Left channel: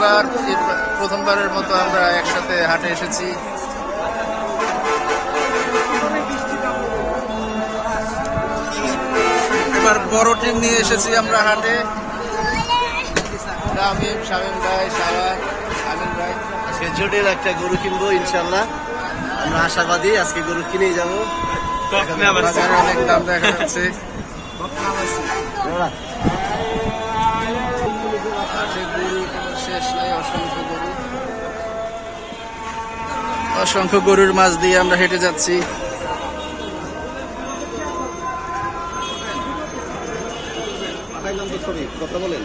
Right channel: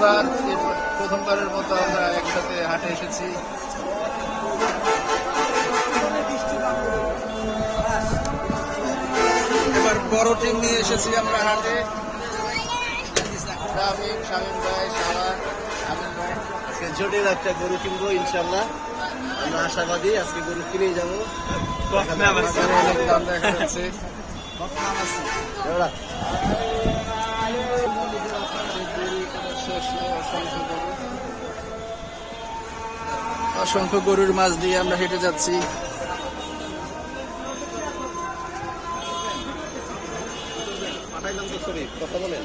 এবার প্রথমবারের মতো আমরা একসাথে হাটে এসেছি। এবার বড় টিম নিয়ে এসেছি আমরা হাটে। শামীম ভাই, সারা, আমিন ভাই। আজকে জোটের একটা গরু কিনবো ইনশাল্লাহ, আমরা আশাবাদী আজকে গরু কিনেই যাবো। বাজারে অনেক দাম দেখা যাচ্ছে। শেষ নাই, অসংখ্য গরুর মাঝ দিয়ে আমরা হেঁটে যাচ্ছি। কথা বলেন।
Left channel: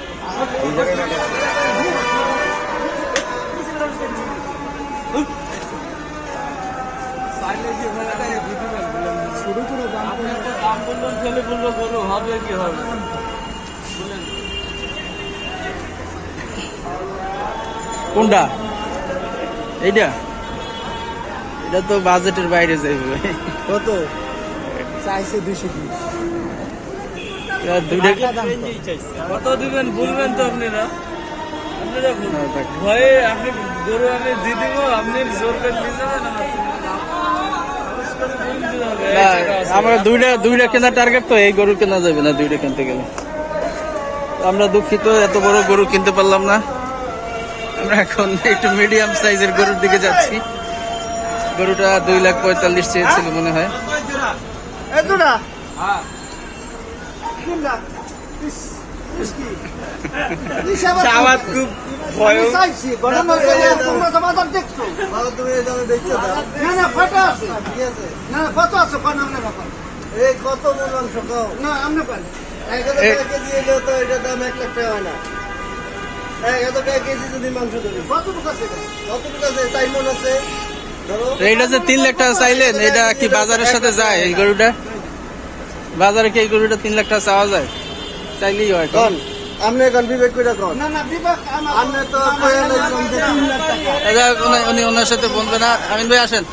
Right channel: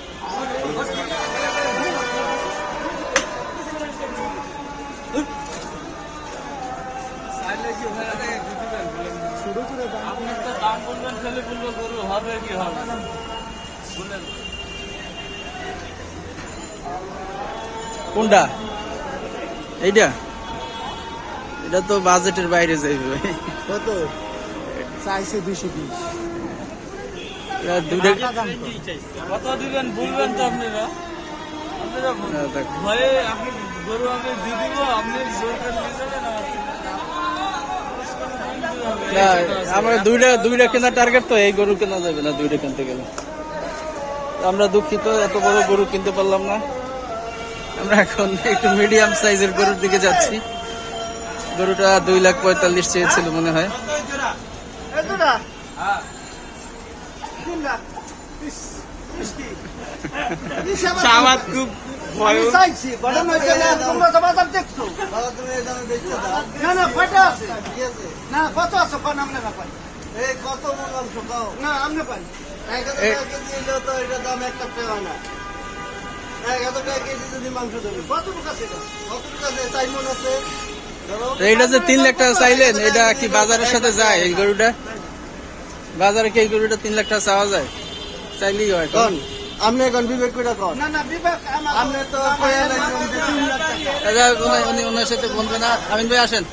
কোনটা? এইটা? এটা তো বাজেটের বাইরে যাইবে। কত চাইছে? 220। দুইটা কত দিবেন বলবেন তো আপনারা? ভয়ে আপনি গরু আমি দিয়ে দিব, আপনি জোর করে নিয়ে যাবেন। আমরা দুইটা কেনার টার্গেট তো, এই গরু কেনা যাবে না দুইটা কিনতে গেলে। আমরা দুঃখিত, এত বড় গরু কিনতে পারলাম না। আমরা এখন একটু মিডিয়াম সাইজের গরুর দিকে যাচ্ছি। গরুটা 2,45,000 চেয়েছিল মনে হয়। এইটা যে 3 লাখ টাকা চাইলেন, এটা কি বাজারের সাথে যায়? এই গরুটা বাজারে কি এই গরুটা 3 লাখ টাকা চাওয়া যায়? চাইলেই হয়। উনি ওনার সাথে বলবে না। আমিন ভাই আসেন।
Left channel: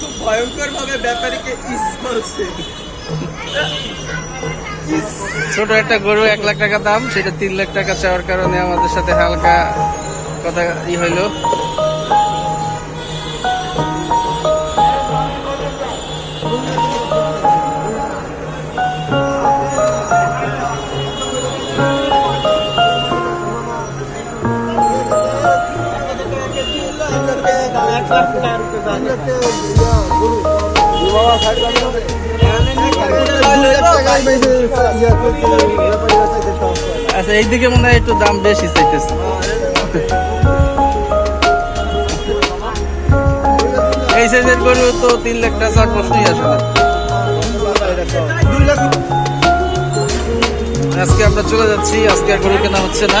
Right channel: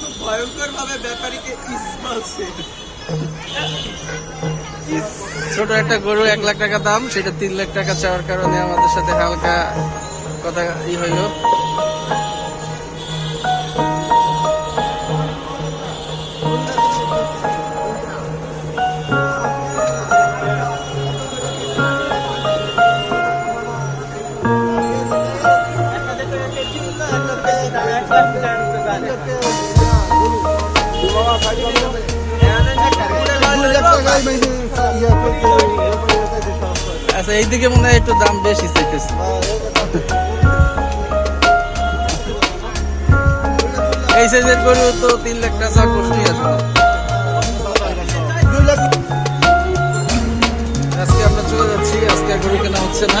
খুব ভয়ঙ্কর ভাবে ব্যাপারীকে ছোট একটা গরু 1 লাখ টাকা দাম, সেটা 3 লাখ টাকা চাওয়ার কারণে আমাদের সাথে হালকা কথা হইল। আচ্ছা, এইদিকে মনে হয় একটু দাম বেশি চাইতেছে। এই সাইজের গরু তো 3 লাখ টাকা প্রশ্নই আছে না। আজকে আমরা চলে যাচ্ছি, আজকে আর গরু কেনা হচ্ছে না।